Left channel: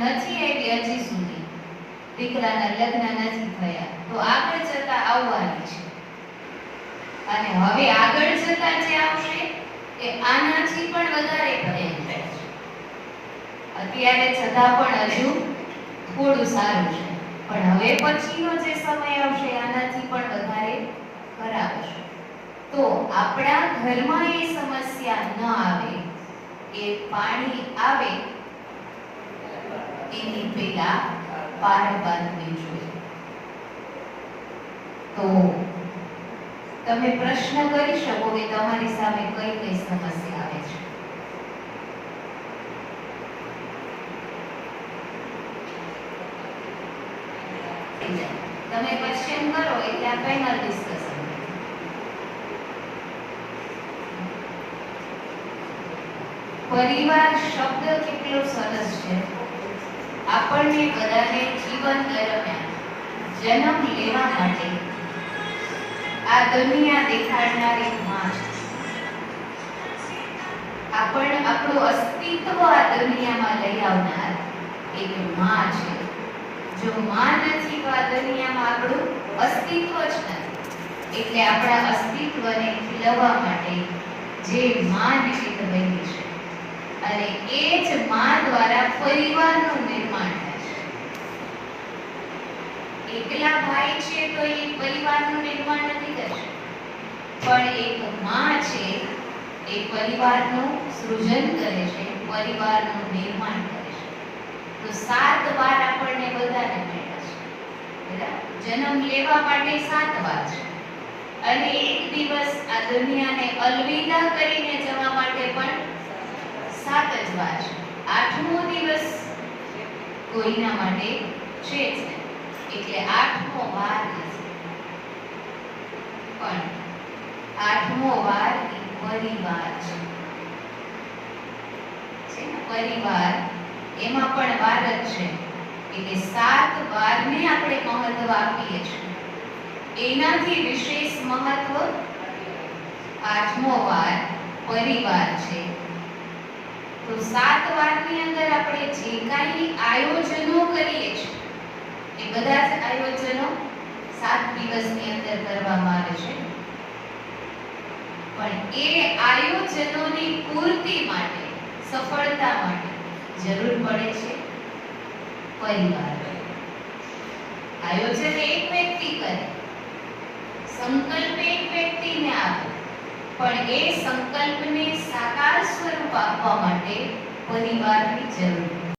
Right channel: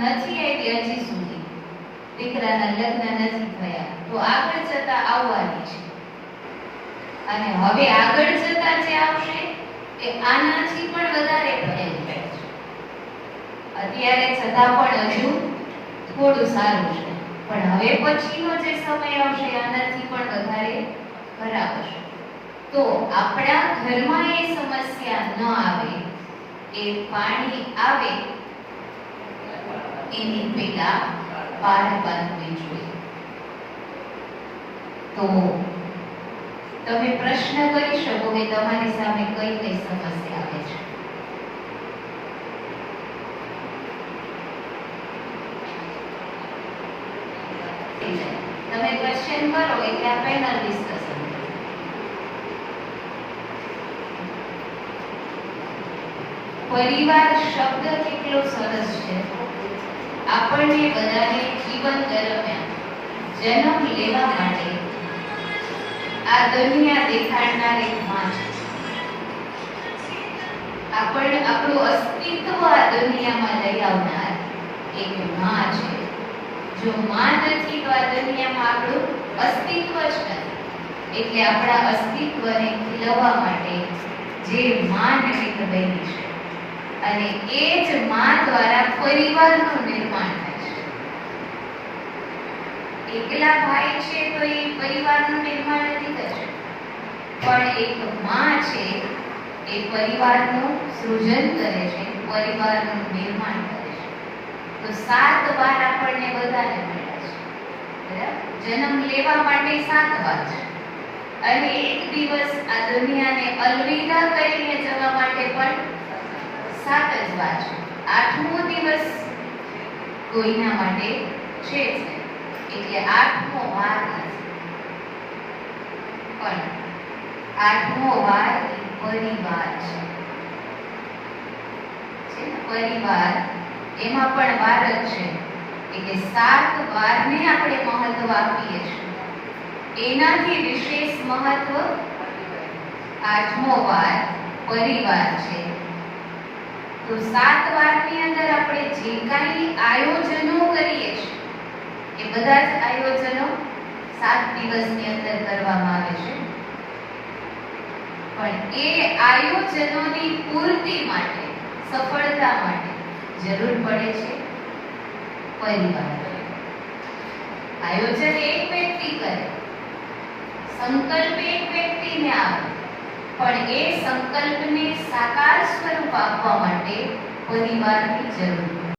નથી આવી હજી સુધી, દીકરાના લગ્ન નથી થયા, તો આગળ જતા આવવાની છે. અને હવે આગળ જતા જે આવશે એ આનાથી પણ વધારે ભયંકર છે. અત્યારે છતાં પણ હજુ થોડું સારું છે, પણ હવે પછીનો જે સમય આવશે આનાથી પણ વધારે ખરાબ હશે. તો આપણા ઘરમાં એ સમસ્યા ન આવે, એ પાણી આવે એની પેલા પાર બાંધવી જોઈએ. તો તમે પ્રશ્ન કરી શકો કે તમારી સામે કઈ કઈ સમસ્યા આવે છે. તમે ક્વેશ્ચન કરો એટલે આ પેનલ ડિસ્કશન. પરિવાર શબ્દ કેટલો સરસ છે. આપણને બધાને જીવન દરમિયાન જન્મ લેવા માટે આ દુનિયા દેખાડનાર એક માં છે. આપણું અસ્તિત્વ આ દુનિયામાં લઈ આવનાર એક માં છે. જો માં નથી તો આ દુનિયામાં આપણું અસ્તિત્વ જ નથી. એટલે આપણા અસ્તિત્વને ખીલવવા માટે જે માં નિમિત્ત બની છે, અને એ જ માં દ્વારા પરિવારનું નિર્માણ થાય છે. એકલા ભાઈ છે તો એ પરિવારનું નિર્માણ નથી કરી શકતા, પણ એક માં છે એ પરિવારનું સૃજન કરે છે, પરિવારનું નિર્માણ કરે છે. તો 7 વાર આપણને બધાને મળ્યા છે, બરાબર? જન્મ લેવા માટે 7 વાર છે, અને એક દિવસ આ દુનિયાને અલવિદા કરીને જવા માટે પણ 7 જ વાર છે. 8મો દિવસ કોઈના માટે છે જ નહીં, એટલે 8મો વાર નથી. પણ 8મો વાર પરિવાર છે. પરિવાર એમાં પણ વાર જ છે, એટલે 7 વારને આપણે મહત્વ આપીએ છીએ. એનાથી વિશેષ મહત્વ 8મો વાર પરિવાર છે. તો 7 વારની અંદર આપણે જે કાંઈ આયોજનો કરીએ છીએ એ બધા જ આયોજનો 7 દિવસની અંદર કરવામાં આવે છે. પણ એ આયોજનોની પૂર્તિ માટે, સફળતા માટે જરૂર પડે છે પરિવાર. આયોજન એક વ્યક્તિ કરે, સંકલ્પ એક વ્યક્તિને આવે, પણ એ સંકલ્પને સાકાર સ્વરૂપ આપવા માટે પરિવારની જરૂર